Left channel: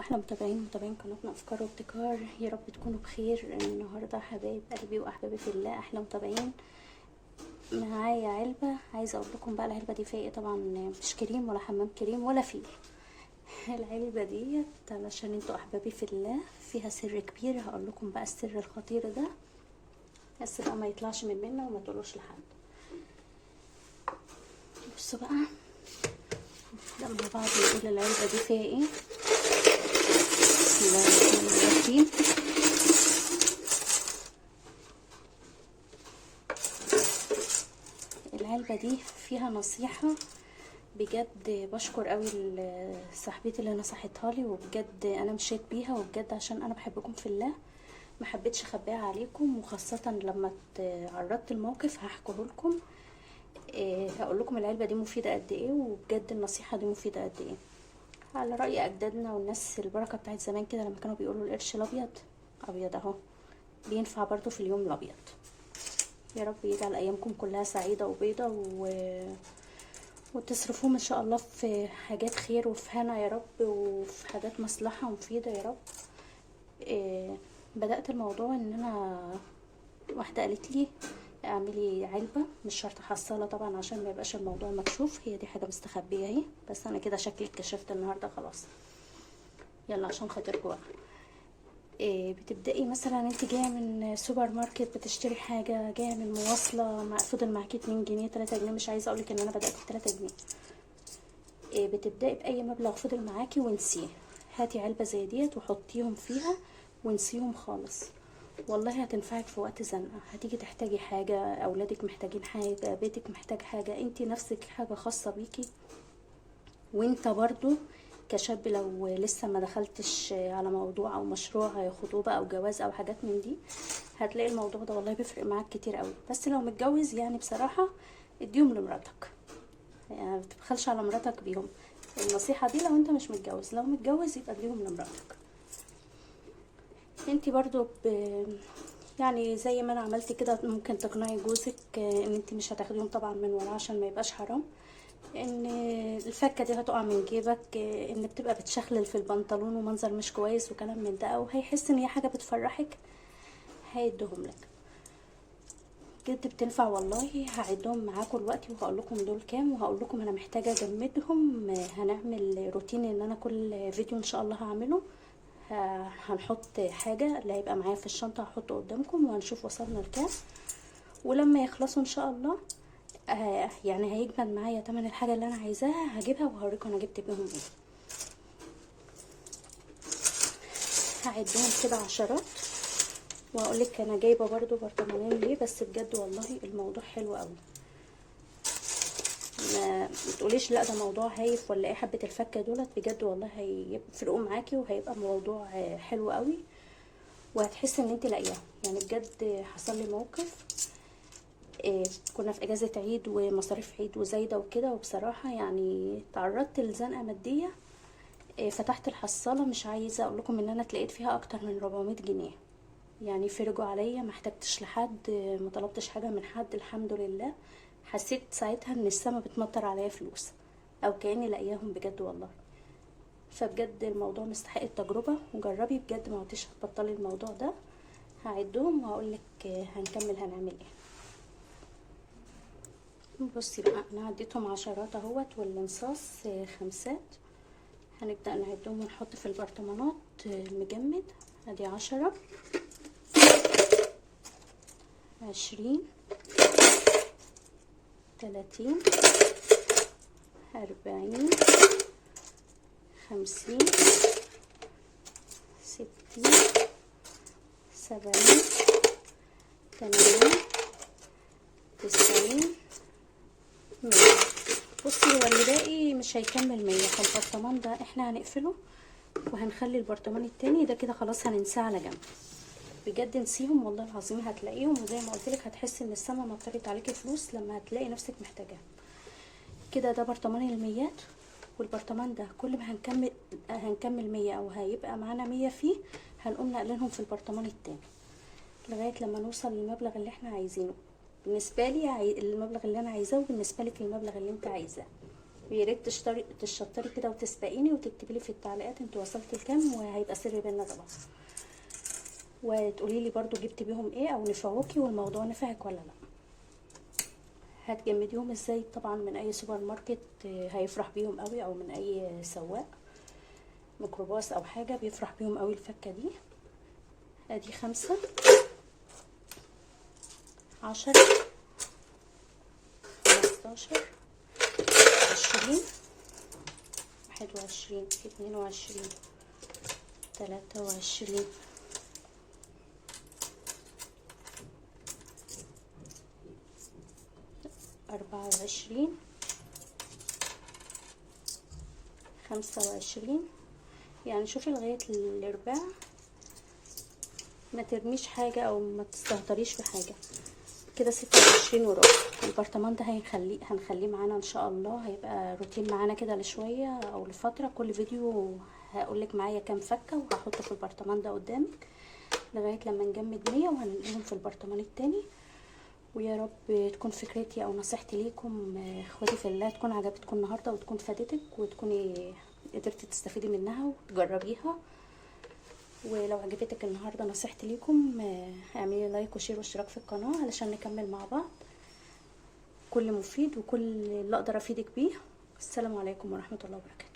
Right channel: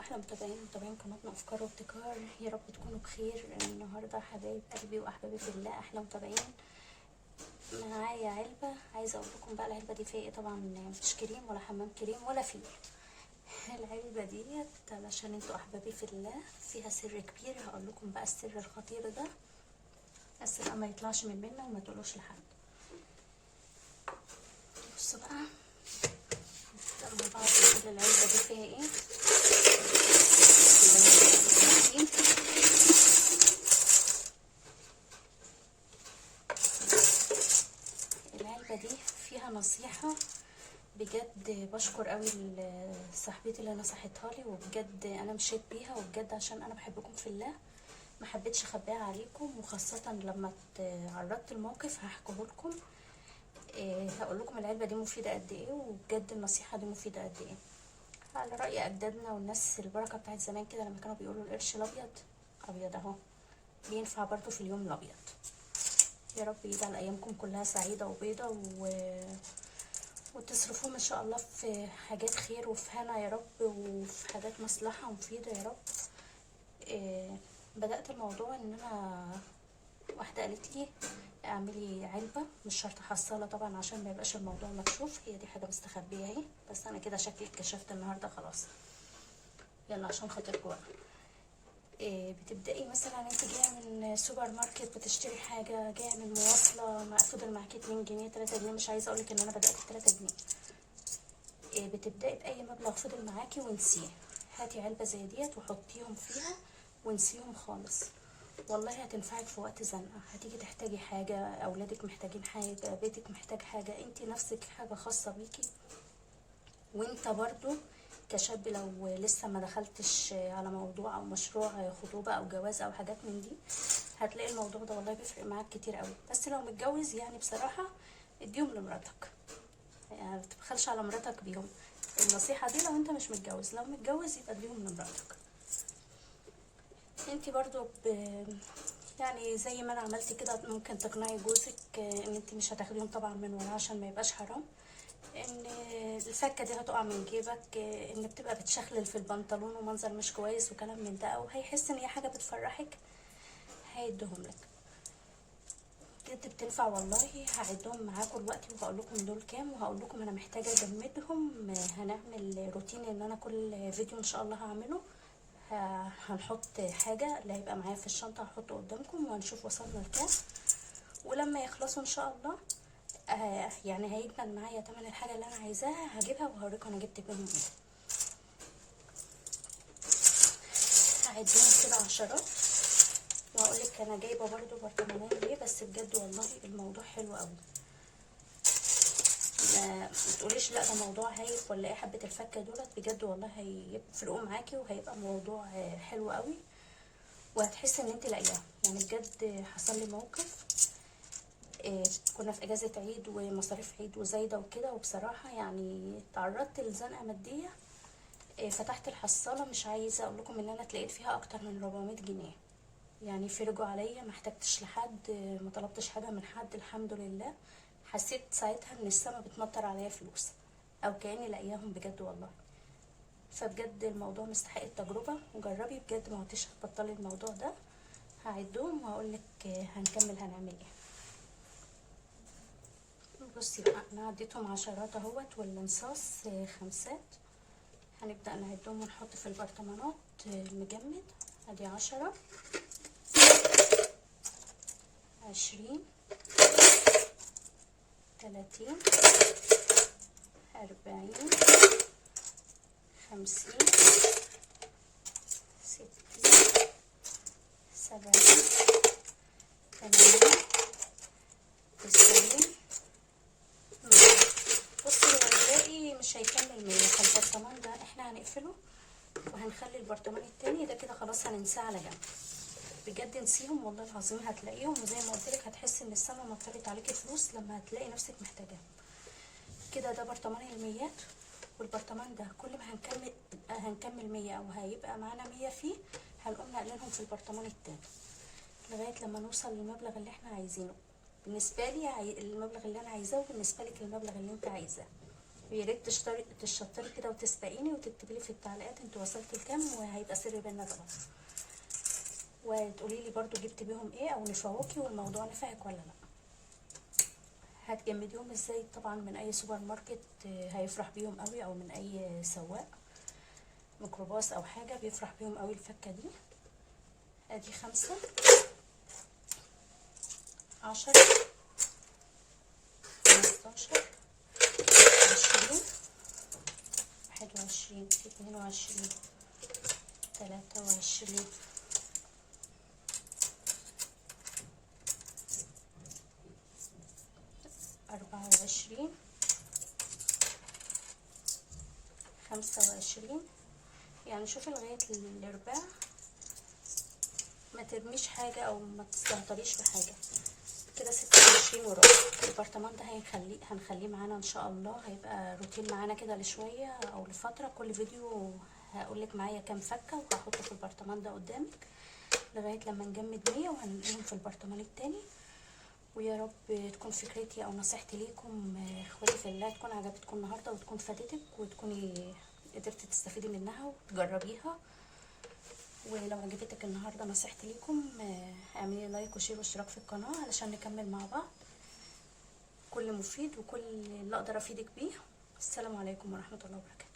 احلى متابعين قناتنا افكار وابتكار. يا رب تكونوا بخير النهارده حبايب قلبي واحبابي في الله. احلى متابعين، معايا علبه عايزه اقول لكم بقى العلبه دي فيها ايه. طبعا مش كريم ولا حمام كريم ولا فيل. العلبه ديت علشان انتوا احبابي في الله فيها سر كبير. هقول لكم بقى السر الخطير ده، السر ما يطلعش من منا وما تقولوش لحد. بصوا بقى لما بعد نقول العلبه دي فيها ايه. العلبة دي فيها نصيحة بجد، بشكر قوي صاحبتي اللي نصحتها لي، وبجد انا مشيت بيها، وبجد عشان انا بحبكم في الله ما حبيتش اخبيها عليكم، وخاصة لما تعرضت الموقف هحكيه لكم. هقول لكم العلبة دي مفيدة قد ايه، وبجد النصيحة دي مفيدة قد ايه. على رأي اجدادنا والناس البركة بتاعت زمان كده، لما كانوا بيقولوا القرش الابيض ابيض اهو بينفع برضو في اليوم الابيض. يا رب يجعل ايامكم كلها سعيده وبيضه وتصرفوهم ان شاء الله في حاجات خير وفي هنا يا رب، وفي حاجات مصلحه مفيده يا رب. بدات الموضوع ان انا واحده قالت لي اعملي علبه، مش شرط حصاله طبعا عشان ما يبقاش الموضوع مكشوف. هي دي حاجه مستخبيه اهي، بس انا كده شكلي اتكشفت النهارده خلاص. يلا عشان خاطركم بقى. بتبدأي مثلا انت جايه من سوبر ماركت بتشتري حاجه، جايه من مواصله فضل معاكي 2 جنيه 3 جنيه، مش عايزه اقولك ان انا بدأت ب3 جنيه. بتبدأي بأي مبلغ فضل معاكي وانسيه. هاتي علبه زي ديت وحطيهم فيها وانسيهم خالص، والله هتنفعك في وقت زنقه. هتيجي تحتاجي حاجه، اولادك محتاجين حاجه، بيتك محتاج حاجه، انت نفسك حاجه خاصه بيكي. وانت برضو كشاب لو لسه ما دخلتش على موضوع او مشروع خطوبة او جواز او حاجات من دي، هتلاقي الموضوع ده والله بيفرق معاك كتير قوي. بس لو متجوز يعني بصراحة اديهم لمراتك، يعني ما تبخلش على مراتك بيهم. النصيحة دي لو انت مش متجوز، لو متجوز يبقى اديهم لمراتك. انت برضو يعني زي ما انا عملت كده ممكن تقنعي جوزك ان انت مش هتاخديهم طبعا من وراه عشان ما يبقاش حرام، ان الفكه دي هتقع من جيبك، ان بتبقى بتشخلل في البنطلون ومنظر مش كويس وكلام من ده، او هيحس ان هي حاجه بتفرحك هيديهم لك. بجد بتنفع والله. هعدهم معاكم دلوقتي وهقول لكم دول كام، وهقول لكم انا محتاجه اجمدهم. هنعمل روتين ان انا كل فيديو ان شاء الله هعمله هنحط حاجه اللي هيبقى معايا في الشنطه هحطه قدامكم، وهنشوف وصلنا لكام. ولما يخلصوا ان شاء الله يعني هيجمد معايا تمن الحاجه اللي انا عايزاها هجيبها وهوريكم انا جبت بيهم ايه. هعدهم كده عشرات وهقولك انا جايبه برضو برطمانين ليه، بس بجد والله الموضوع حلو قوي. ما تقوليش لا ده موضوع هايف ولا ايه. حبه الفكه دولت بجد والله هيفرقوا معاكي، وهيبقى موضوع حلو قوي، وهتحسي ان انت لاقياها. يعني بجد حصل لي موقف، كنا في اجازه عيد ومصاريف عيد وزايده وكده، وبصراحه يعني تعرضت لزنقه ماديه. فتحت الحصاله، مش عايزه اقول لكم ان انا اتلقيت فيها اكتر من 400 جنيه. يعني فرجوا عليا، ما احتجتش لحد، ما طلبتش حاجه من حد، الحمد لله. حسيت ساعتها ان السما بتمطر عليا فلوس، او كاني لاقياهم بجد والله. فبجد الموضوع مستحق التجربه، وجربي بجد ما عدتش هتبطلي الموضوع ده. هعدهم وهقول لك هنكمل هنعمل ايه. بصي بقى انا عديتهم عشرات اهوت، والانصاص خمسات. هنبدأ نعدهم ونحط في البرطمانات المجمد. ادي 10 20 30 40 50 60 70 80 90 100. بصي هو اللي باقي مش هيكمل 100، فالبرطمان ده احنا هنقفله وهنخلي البرطمان التاني ده كده خلاص هننساه على جنب. بجد نسيهم والله العظيم هتلاقيهم، وزي ما قلت لك هتحسي ان السما مطرت عليكي فلوس لما هتلاقي نفسك محتاجاها. كده ده برطمان الميات. والبرطمان ده كل ما هنكمل 100 او هيبقى معانا 100 فيه، هنقوم نقلنهم في البرطمان التاني لغايه لما نوصل للمبلغ اللي احنا عايزينه. بالنسبه لي المبلغ اللي انا عايزاه، وبالنسبه لك المبلغ اللي انت عايزاه. ويا ريت تشطري كده وتسبقيني وتكتبي لي في التعليقات انتوا وصلتوا لكام، وهيبقى سر بينا طبعا. وتقولي لي برضو جبت بيهم ايه او نفعوكي والموضوع نفعك ولا لا. هتجمديهم ازاي؟ طبعا من اي سوبر ماركت هيفرح بيهم قوي، او من اي سواق ميكروباص او حاجه بيفرح بيهم قوي الفكه دي. ادي 5 10 15 20 21 22 23 24 25. يعني شوفي لغاية الارباع، ما ترميش حاجة او ما تستهتريش في حاجة. كده 26 وربع. البرطمان ده هنخليه معانا ان شاء الله، هيبقى روتين معانا كده لشوية او لفترة. كل فيديو هقولك معايا كام فكة وهحطه في البرطمان ده قدامك لغاية لما نجمد 100 وهنلاقيهم في البرطمان التاني. ويا رب تكون فكرتي او نصيحتي ليكم اخواتي في الله تكون عجبتكم النهارده، وتكون فادتك، وتكوني قدرتي تستفيدي منها وتجربيها. ولو عجبتك النهارده نصيحتي ليكم اعملي لايك وشير واشتراك في القناه علشان نكمل مع بعض كل مفيد وكل اللي اقدر افيدك بيه. السلام عليكم ورحمه الله وبركاته.